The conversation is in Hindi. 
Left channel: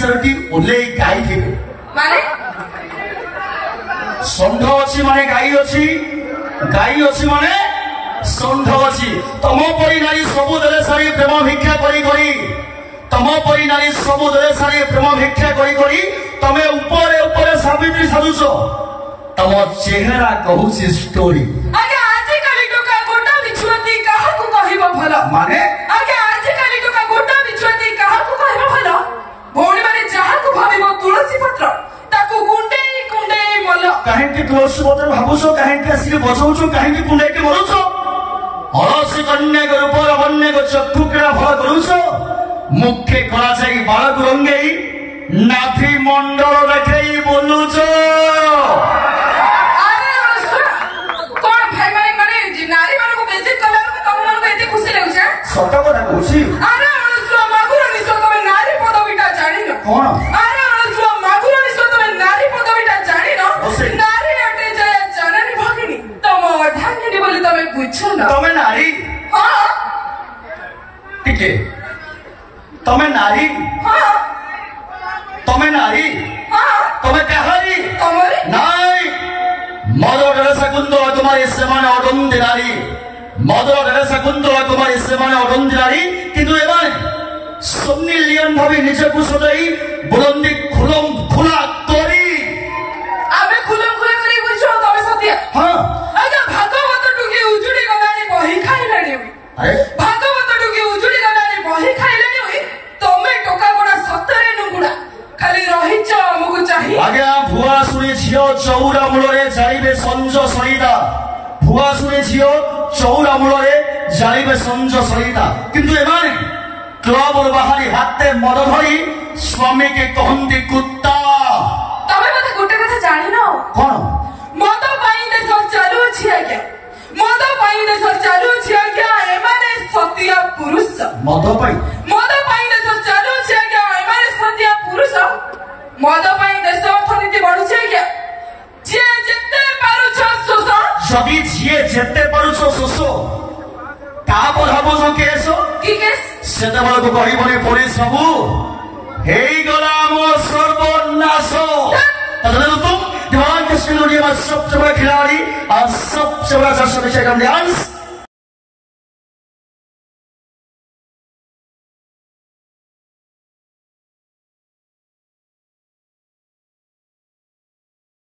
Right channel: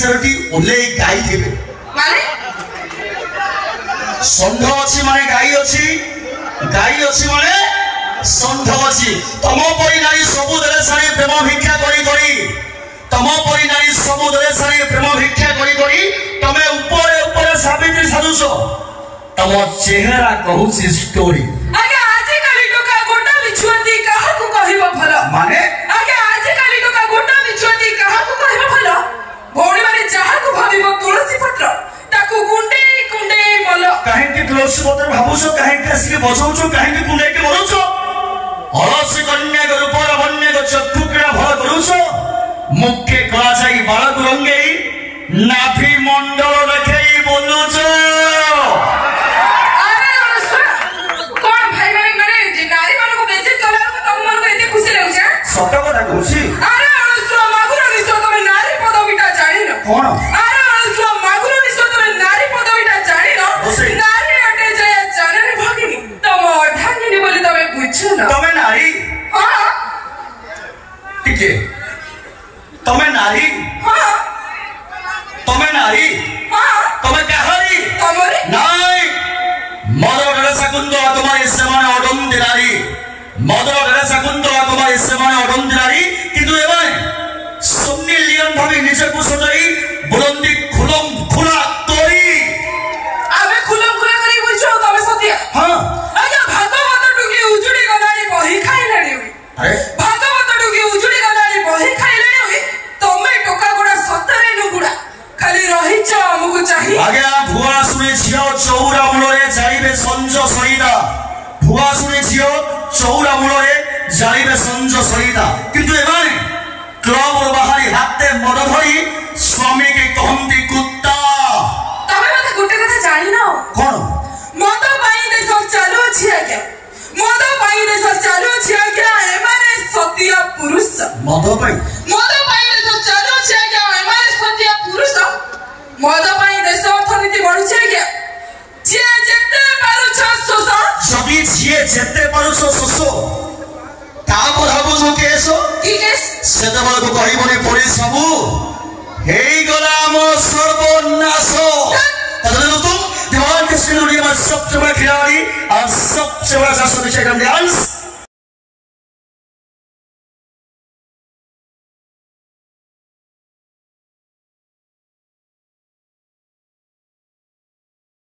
चारोटी ओले गाई थे माने षंढ अच्छी माने गाई अच्छी माने षंढ अच्छी तम परी नारी सबुदरे सारी प्रेम भिक्षा करी करी तम परी नारी सबुदरे सारी प्रेम भिक्षा करी करी तमे ऊपर ऊपर सावित्री साजुछ तम चेहरा कहूची स्टोरी आगे आज काली टोका गोटा बिछुंती काहा को कहबो भलो माने आगे आज काली टोका गोटा बिछुंती काहा को कहबो भलो भौणी माने जहा को भाबिबो तुलसी पत्र ताकू गुंडे गुंडे मलो काहे के तुलसी पत्र भाबुछो काहे के असि बजौछो काहे के गुंडे के मरुछो अलसी कन्या के रूप वन्य के चक्षुकरा भल करूछो मुख्य कला जाई बालक रंगेई नाभि मंडल देखेई बोलुछो सत कथा कहूची अरे अनुस्वा मागुर निसो तमे नारी पदवीटा जानि न कोन अरे अनुस्वा मागुर निसो तमे नारी पदवीटा जानि न नारी आटे जय जाननी भगिनी तम ढांगिनी बोली तमे बुझछो न तमे नारी हां ठीक है तमे नारी हां तमे नारी हां तमे काहरी तमरी नाई मदर टेरेसा कुंदो तुम्हारे समान अडंदी नारी मदर टेरेसा कुंदो तुम्हारे समान अडंदी नारी किंतु एबारे सम्मिलियन भावे निजकु सदाई बुलंदी खुलम खुला तोरी आबे खुलम खुला करी बुझछो तमे सत्य हां आजा भागवत टुकी उजुडी गलानी बही खाइलानी अरे भागवत टुकी उजुडी गलानी बही खाइलानी होई तमे टोका गोडा सतरे नुगुडा खाली रहिछ हमकु चाहि आज्ञा भुआ सुने झियो चौरा मूलरे जाइबे संज सहिता भुआ सुने झियो चौरा मूलरे जाइबे संज सहिता किंतु एमाने क्लब बाहरी हाथे मद धरी स्वामी के कहंती कुत्ता तमे मते गुटे कथा जानि न कोन मद पाई देश चालू छी आज्ञा मद पाई देश चालू छी आज्ञा एमाने सत्य पुरुष मद पाई देश चालू छी आज्ञा एमाने सत्य पुरुष मद पाई देश अर्थनीति बढु छी आज्ञा जे जेते पारुछ सोस जबी जिए जेते पारुछ सोस तापर हबो जो केस की केस सेतबल को कहबने परे सबु हेई गला मो सर्वनाश तदनु तुम ध्यान के श्रीलुडिया में सबसे बड़ा खिलाड़ी और सबसे बड़ा जर्सी डांस